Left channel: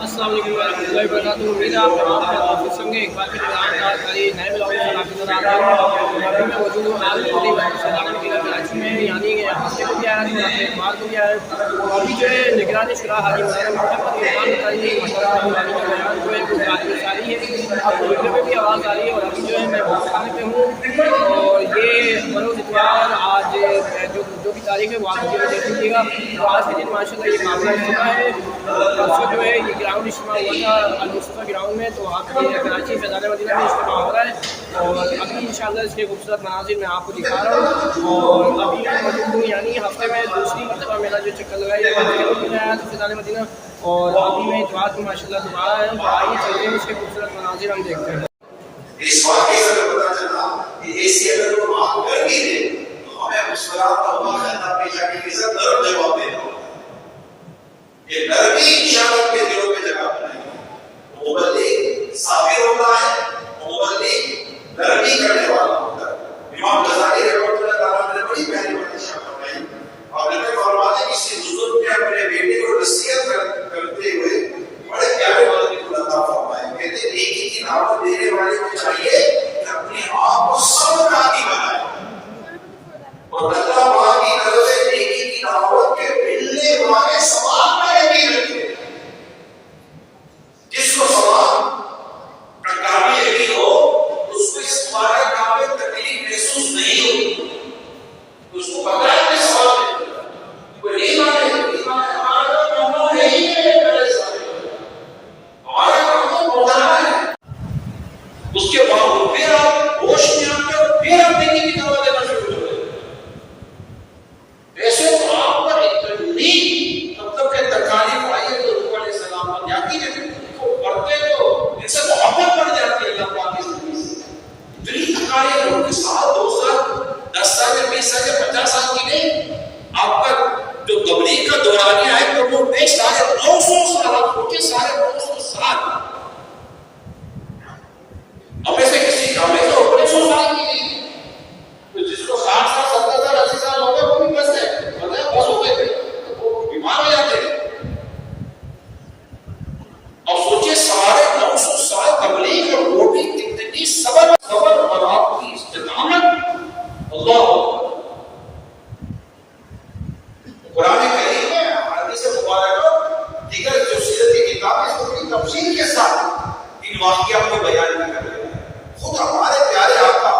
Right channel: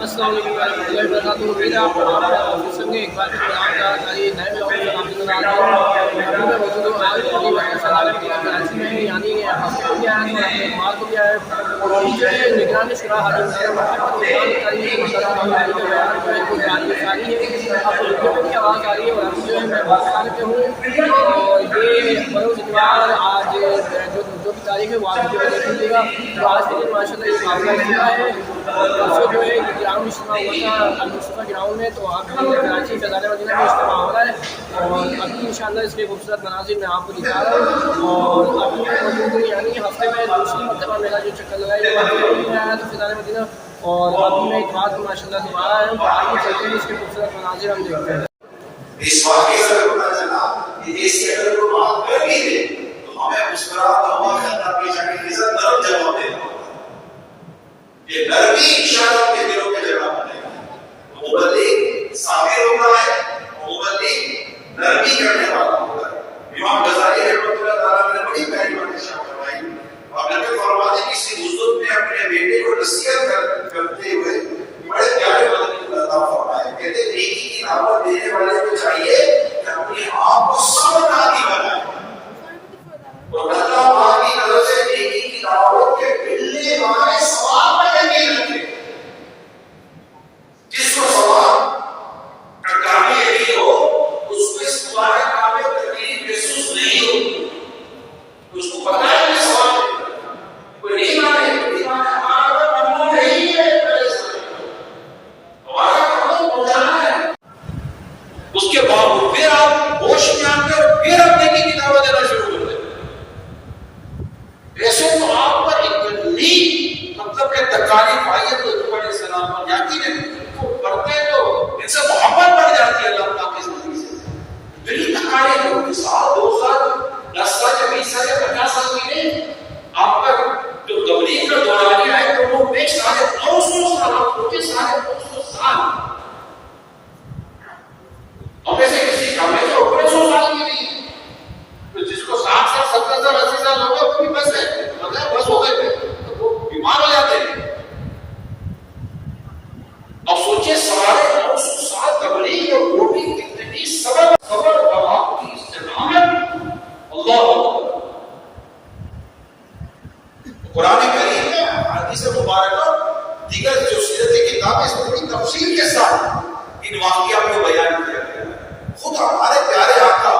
السلام علیکم ورحمۃ اللہ وبرکاتہ۔ امید ہے آپ تمام آفس سنگے ایک بار پھر پروگرام کاری نئے بلاگ کے ساتھ آپ کے ساتھ آ گئے۔ ابھی میں موجود ہوں آج پوری سالانہ مدینہ کراچی میں، یعنی ہفتے کو بھی آیا ہے اور اپنے اتوار کو بھی آیا ہے۔ اور ابھی جو ہے نگران شورا حاجی مولانا محمد عمران تعلیم مدرسہ کا بیان جو ہے وہ جاری ہے۔ آپ کو ویڈیو میں بھی آواز آ رہی ہے۔ اور ابھی جو ہے میں بہت خانے پہ ہوں اور یہ بروز اتوار آج جو بھی تاریخ ہے وہ آپ ویڈیو میں دیکھ لیجیے گا۔ تو آج کے دن ماشاء اللہ یہ قابلہ اجتماع ہے اور پرسوں جو ہے یہ گراؤنڈ اجتماع ہوا تھا المصطفیٰ گراؤنڈ میں، تو اب یہ کراچی فیضان مدینہ میں اجتماع ہو رہا ہے اور ابھی انشاءاللہ اس کے خوبصورت مناظر میں آپ کو دکھا رہا ہوں۔ اور ابھی میں موجود ہوں، یعنی ہفتے میں دوسری مرتبہ میرا جو چکر لگایا ہفتے کو بھی میں آیا تھا فیضان مدینہ اور ابھی میں اتوار کو ماشاء اللہ دوبارہ آیا ہوں۔ تو آئیے چلتے ہیں اس کے خوبصورت مناظر ہم دیکھتے ہیں۔ اس واقعے سے پتہ چلا کہ ایسی اگر وہ بات کر بھی دے تو ہمیں مسکراتا ہوا خطاب کی شکل کے ساتھ نرم جواب دینا ہوگا۔ یہ نرمی انشاءاللہ کے دلوں میں جگہ بنے گی۔ مبلغ صابر ہوتا ہے، مبلغ نرمی کرنے والا ہوتا ہے۔ امام غزالی رحمۃ اللہ تعالیٰ نے بڑی پیاری بات ارشاد فرمائی۔ آپ نے فرمایا کہ کسی بزرگ نے اپنے بیٹے کو نصیحت کرتے ہوئے بڑے پیارے بات عطا فرمائے۔ کہتے ہیں نیکی کی دعوت دینے والے کو چاہیے کہ اپنے آپ کو صبر عادی بنائے اور اللہ وہاں کی طرف سے نیکی کی دعوت کے ملنے والے ثواب میں یقین رکھے۔ جس کو ثواب کا قابل یقین ہو اس کو اس بارے قابل تکلیف محسوس نہیں ہوتی، اس کو پتہ ہے کہ ثواب ہے۔ کوئی نہیں مانے ہمارا کام نہیں ہے، اس کے باوجود پھر آپ ہوش میں آ کر پھر آپ نیکی کی دعوت دینا شروع کر دیں۔ ویسے تو آپ پر اتنی مطلب کہ تکالیف آئی ہے تو حضور علیہ السلام پر یقین ہے کہ کو پڑھتے تو ان سے محبت بڑھ جاتی ہے اللہ پاک کی زندگی سے۔ اتنی تکالیف لوگوں کے ساتھ 2 سال 10 سال یا 20 سال یا 50 سال کی نہیں، آپ پر جو تبلیغ کا دورانیہ ہے تو وہ بے سارے 900 سال، آپ کے سارے 900 سال ہمیں سے کسی ہمیں تو 100 سال کی نہیں، تو جس کو 60 سال 70 سال 80 سال ہو گئے وہ بھی بس ہے، بس ہو گئے تھے تو وہ بیمار ہو جاتے ہیں۔ اب سوچئے سوارے 900 سال تبلیغ اور وہ بھی کتنی صبر اور آپ کی استقامت، اللہ اکبر۔ قرآن کریم میں حدیث مبارکہ دیگر جو سیرت کی کتاب ہے اس میں بڑی تفصیل کے ساتھ ان واقعات کو بیان کیا گیا ہے۔ خود ہمارے پیارے آقا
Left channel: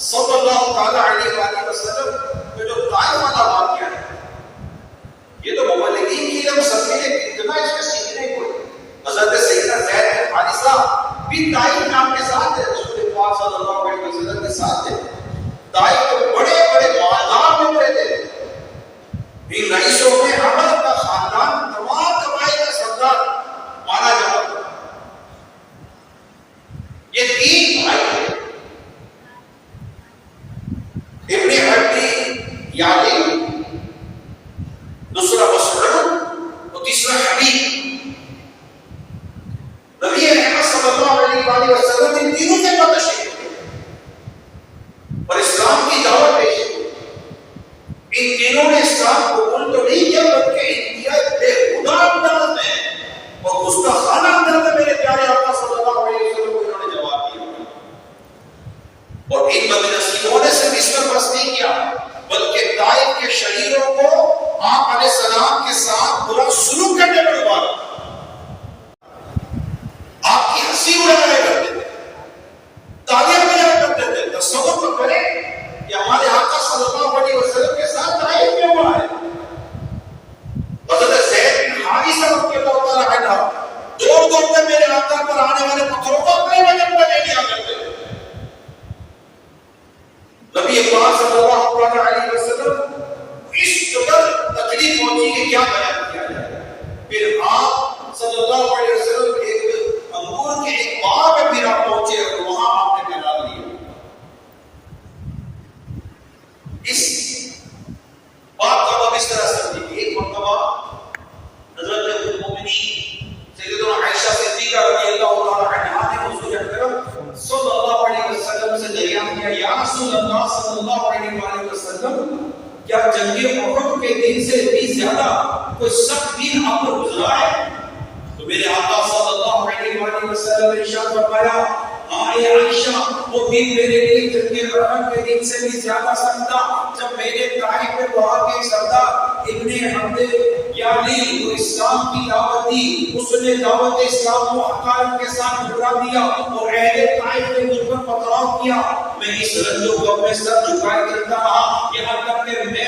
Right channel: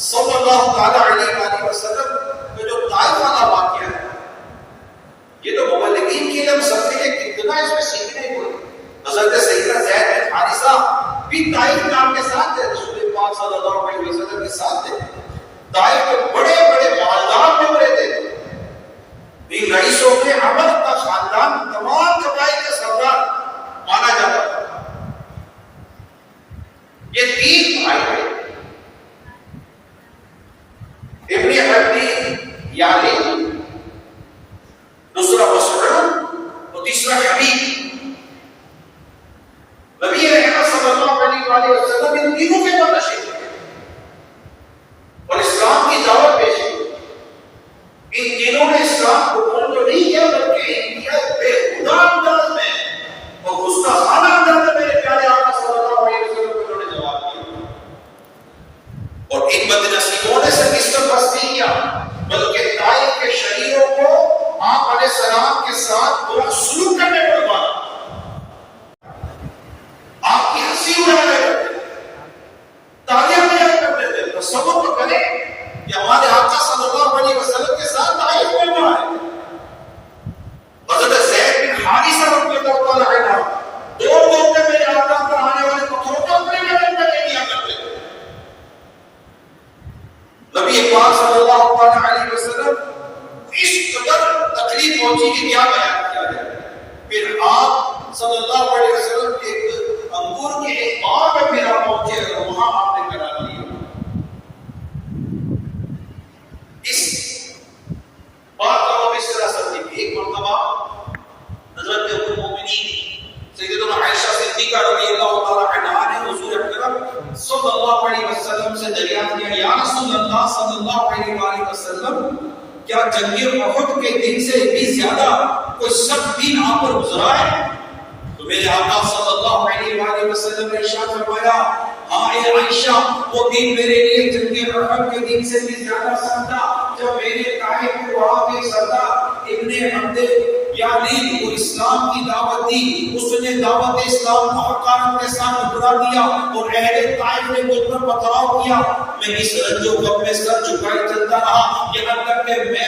صلی اللہ تعالی علیہ وآلہ وسلم کا جو طائف والا واقعہ ہے، یہ تو مبلغین کے لیے ہم سب کے لیے کتنا اس میں سیکھنے کو ہے۔ حضرت سیدنا زید بن حارثہ بھی طائف میں آپ کے ساتھ تھے، رسول پاک صلی اللہ علیہ وسلم کے ساتھ تھے۔ طائف کے بڑے بڑے مالدار لوگ رہتے تھے، ان رئیسوں میں عمر کا خاندان تمام قبائل کا سردار مانا جاتا تھا۔ یہ 3 بھائی تھے، ابن عبی یعلی، دوسرا مسعود اور تیسرا حبیب۔ نبی احمد صلی اللہ علیہ وآلہ وسلم ان تینوں کے بعد تشریف لے اور اسلام کی دعوت پیش کی۔ ان تینوں نے اسلام قبول تو نہیں کیا بلکہ انتہا بے خدا انداز میں اور گستاخانہ انداز میں میرے پیارے آقا صلی اللہ علیہ وسلم کو انہوں نے جواب دیا۔ اور ان بدنصیبوں نے صرف اس پر بس نہیں کیا بلکہ طائف کے شریروں کو آپ علیہ السلام کے ساتھ برا سلوک کرنے پر ابھارا، آپ کی ہنسی اڑانے کرتے تھے، تعلیم دیا کرتے تھے۔ تصور تو کریں کہ ہمارے آقا صلی اللہ علیہ وسلم کے ساتھ طائف میں ہوا ہے۔ حضرت زید بن حارثہ رضی اللہ تعالی عنہ دور میں میرے آقا پر آنے والے پتھروں کو اپنے بدن میں لے لیا کرتے تھے۔ نبی پاک صلی اللہ علیہ وسلم اس قدر تکلیف پہنچی کہ کیا بیان کیا جائے۔ پھر آپ صلی اللہ علیہ وسلم ایک انگور کے ایک باغ میں پھر آپ پہنچے اور وہاں آپ نے قرار لیا۔ اس بات کا وہ اس طرح سے کہ ایک مرتبہ حضرت ام المؤمنین سیدنا عائشہ صدیقہ رضی اللہ تعالی عنہا نے حضور اکرم صلی اللہ علیہ وسلم سے دریافت کیا، یا رسول اللہ صلی اللہ علیہ وآلہ وسلم، کیا جنگ احد کے دن سے بھی زیادہ کوئی سخت دن آپ پر گزرا ہے؟ تو میرے آقا صلی اللہ علیہ وآلہ وسلم نے ارشاد فرمایا ہاں اے عائشہ وہ دن میرے لیے جنگ احد کے دن سے بھی زیادہ سخت تھا جب میرے طائف کے وہاں کے سردار ابن حمد یعنی وہ اسلام کی دعوت دی اس نے دعوت اسلام کو حقارت کے ساتھ ٹھکرا دیا اور اہل طائف نے مجھ پر پتھراؤ کیا میں اس رنج و غم میں سر جھکائے چلتا رہا یہاں تک کہ میں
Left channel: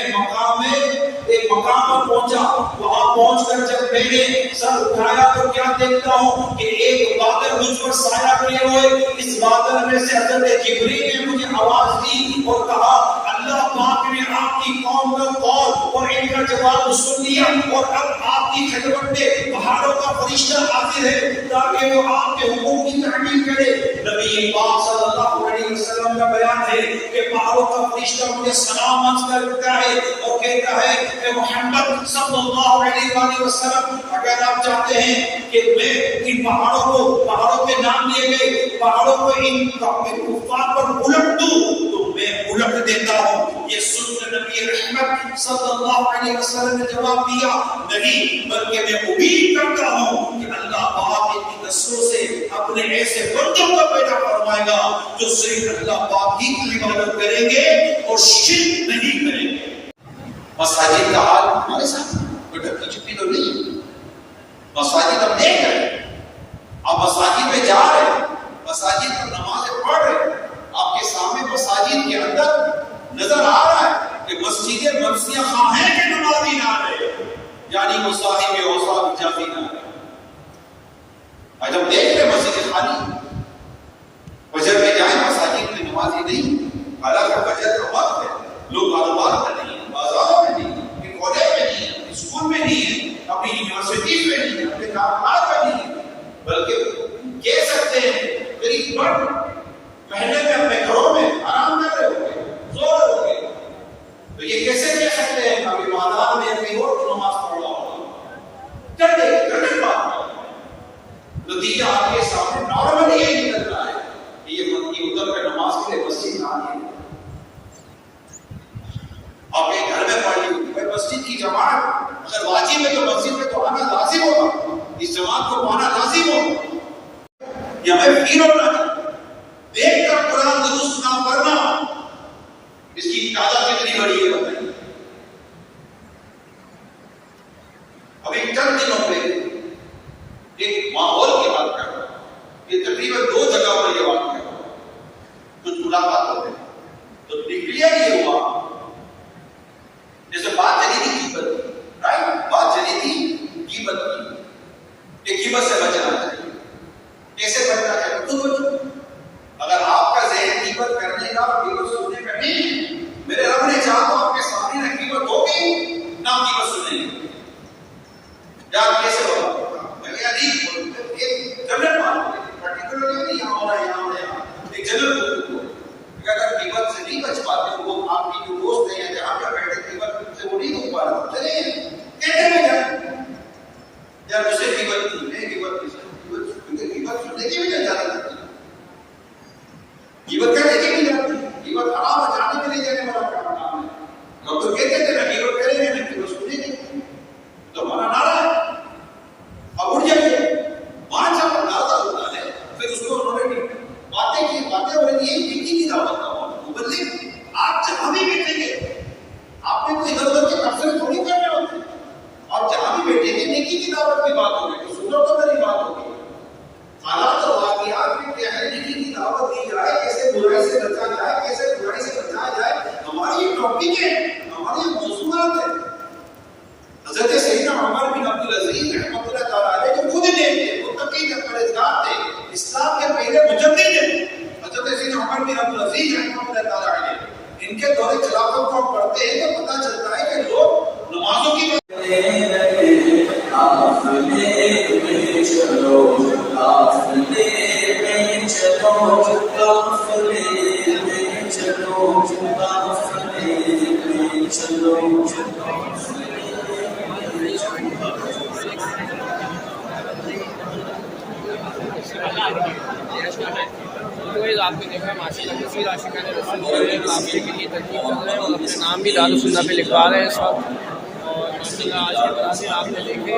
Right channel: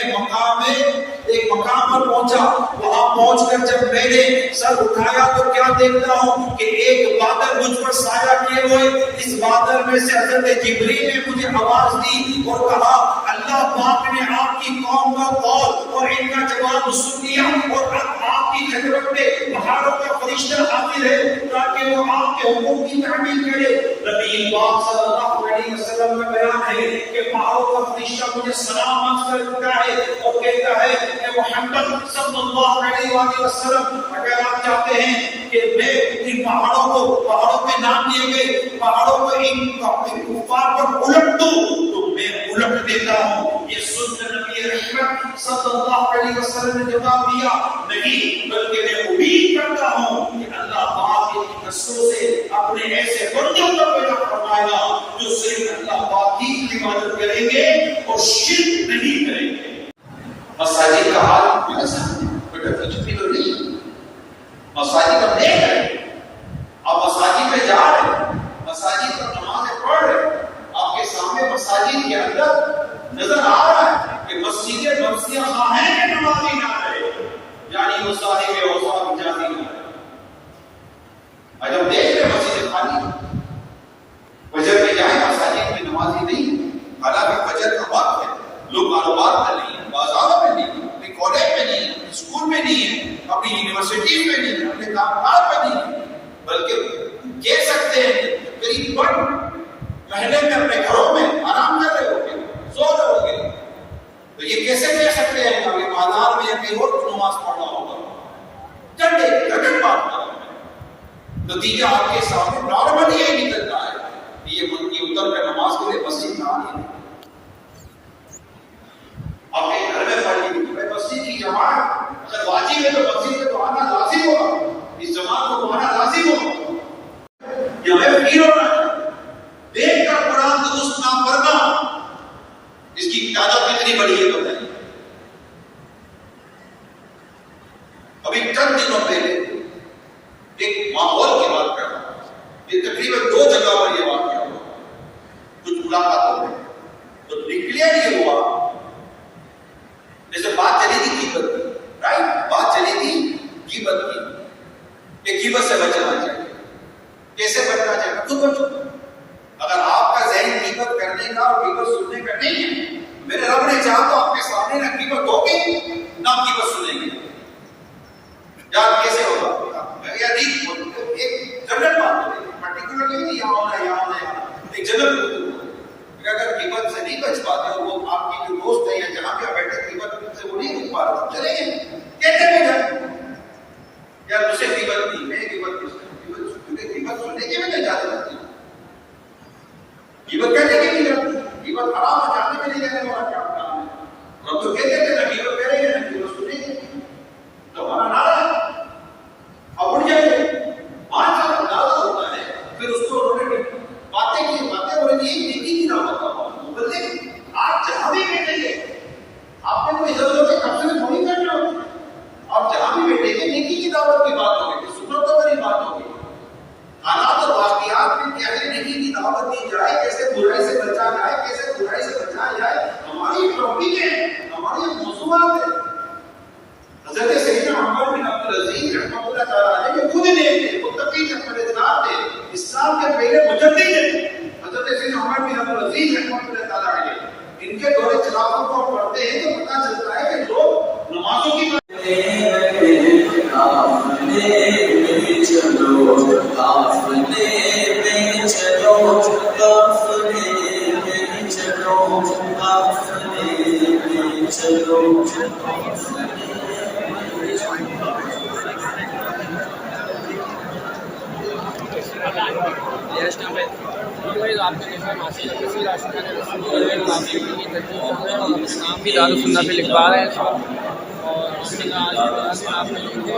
ایک مقام پر پہنچا وہاں پہنچ کر جب میں نے سر اٹھایا تو کیا دیکھتا ہوں کہ ایک بادل مجھ پر سایہ کیے ہوئے اس بادل میں سے حضرت جبریل نے مجھے آواز دی اور کہا اللہ پاک نے آپ کی قوم کا قول اور ان کا جواب سن لیا اور اب آپ کی خدمت میں پہاڑوں کا فرشتہ حاضر ہے تاکہ وہ آپ کے حکم کی تعمیل کرے نبی پاک صلی اللہ علیہ وسلم کا بیان ہے کہ پہاڑوں کا فرشتہ مجھے سلام عرض کرتا ہے اور کہتا ہے اے محمد صلی اللہ علیہ وآلہ وسلم اگر آپ چاہتے ہیں کہ میں ان پہاڑوں پہ نام لیے گئے پہاڑوں کو ان کفار پر الٹ دوں تو میں الٹ دیتا ہوں یہ سن نبی رحمت صلی اللہ علیہ وسلم نے جواب دیا نہیں بلکہ میں امید کرتا ہوں کہ اللہ پاک کی نسلوں سے اپنے ایسے بندوں کو پیدا فرمائے گا جو صرف اللہ پاک ہی کی عبادت کریں گے اور شرک نہیں کریں گے مساجد کا حال ہمارے سامنے کوئی ڈھکی چھپی تو نہیں مساجد ہم دیکھ رہے ہیں آپ مساجد میں جا رہے ہیں مساجد پر نمازیں پڑھ رہے ہیں آپ کے سامنے مساجد کے اندر نظر آ رہا ہے کہ مسجدیں مرثیہ خواہ ہیں کہ نمازی نہ رہے یعنی وہ صاحب اوصاف اجازی نہ رہے آج ہم دیکھ رہے ہیں مسجد خالی فجر میں جائیں مساجد میں نمازی نہیں حالانکہ فجر کا وقت ہے لوگ کاروبار میں نہیں ہیں بازاروں میں نہیں ہیں اپنے کالج میں نہیں ہیں اسکول میں نہیں ہیں اپنی یونیورسٹیز میں نہیں ہیں اپنے کاروبار میں نہیں ہیں بلکہ کہہ سکتے ہیں قریب بڑھ مہینے میں اپنے گھروں میں آرام کر رہے ہو گے سو رہے ہو گے تو یہ کیسے کہہ سکتے ہیں کہ بازار میں یا کہیں اور نماز پڑھ رہا ہوگا جھٹے بات کر نتیجہ آپ کے سامنے نارمل یہ نکلتا ہے کہ یہ اتر کر نماز کے لیے مسجد نہ آئے آپ ایک گھر میں پڑھ لی مسجد کی جماعت اگر واجب ہے تو مسجد میں تو آنا لازم ہوگا اس جماعت کو آنا لازم ہوگا یا میں فیر ہونا دیکھ کر قرآن درست نہ پڑھنا اس کی تعداد کتنی بڑی ہے بتائیے ابھی چند دنوں پہ ایک ماحول کی بات کر رہا ہوں یہ تقریباً 2 جگہ پر یہ واقعہ ہوا کچھ ملاقات ہو گئی تو نکلیا یہ ہوا جیسے بات چلی تھی غیبت کی رائٹ بات چلی تھی غیبت کی کہ غیبت سے بچنا چاہیے کیسے بچنا چاہیے خود بچو اگر آپ کا ذہن غیبت کرنے کا اور غیبت سننے کا نہیں ہے میرے رب نے چاہا تو آپ کے سامنے نہ غیبت ہوگی نہ غیبت سنیں گے یاد کیسے ہوگا ایک جنرل بات ہے پرٹیکولرلی نہیں یہاں ہونا ایک جنرل کہ اگر غیبت سے نہیں بچ پاتے وہ آپ کی جو دوست ہیں یا جہاں پہ بیٹھے غیبت سے وہ نہیں روک پا رہے چلیں کہتے میں جائیں یا مجھ سے غیبت نہیں میں غیبت غیبت سننے کی بھی نہیں جاتی غیبت کہنے کی نہیں جاتی غیبت حرام ہے جانے میں نہیں جانے والا کام ہے ہم تو کہتے تھے نہ غیبت کریں گے نہ غیبت سنیں گے تو ہمارا نعرہ ہے اب اٹھ جائیے مان صاحب اندازہ ہوتا ہے پھر اس کو انہوں نے باتیں کی باتیں ہو رہی ہیں نیکی کی دعوت کا مبلغ آپ جہاں بھی بیٹھیں گے آپ نے کوئی ادھر ادھر کے تبصرے تھوڑی کرنے ہوتے آپ جہاں بھی بیٹھیں گے نیکی کی دعوت کی بات ہوگی کہ سنت تو میری بات ہوگی حالات اور واقعات میں کیا ہے نیکی کی دعوت دی جائے کیسے برائی سے بچا جائے کیسے برائی سے بچایا جائے ہماری ایک ٹاپک ہے ہماری ایک موضوعات ہے حضرت سیدنا عمر بن عبدالعزیز رحمۃ اللہ تعالیٰ علیہ جو خود نیک تھے متقی تھے پرہیزگار تھے اسلام کے پہلے مجدد تھے حضرت سیدنا عمر بن عبدالعزیز رحمۃ اللہ تعالیٰ علیہ ان کے دور خلافت کو پڑھتے ہیں تو پتہ چلتا ہے کہ لوگ نمازوں کی آپ نے دیکھا ماشاء اللہ کثیر عاشقان رسول جو ہے قافلے کے لیے ترتیب کر رہے ہیں اور اپنے نام بھی دار السنہ پہ لکھوا رہے ہیں اس وقت اور ماشاء اللہ آج کے مناظر آپ نے دیکھے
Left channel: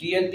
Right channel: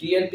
TLP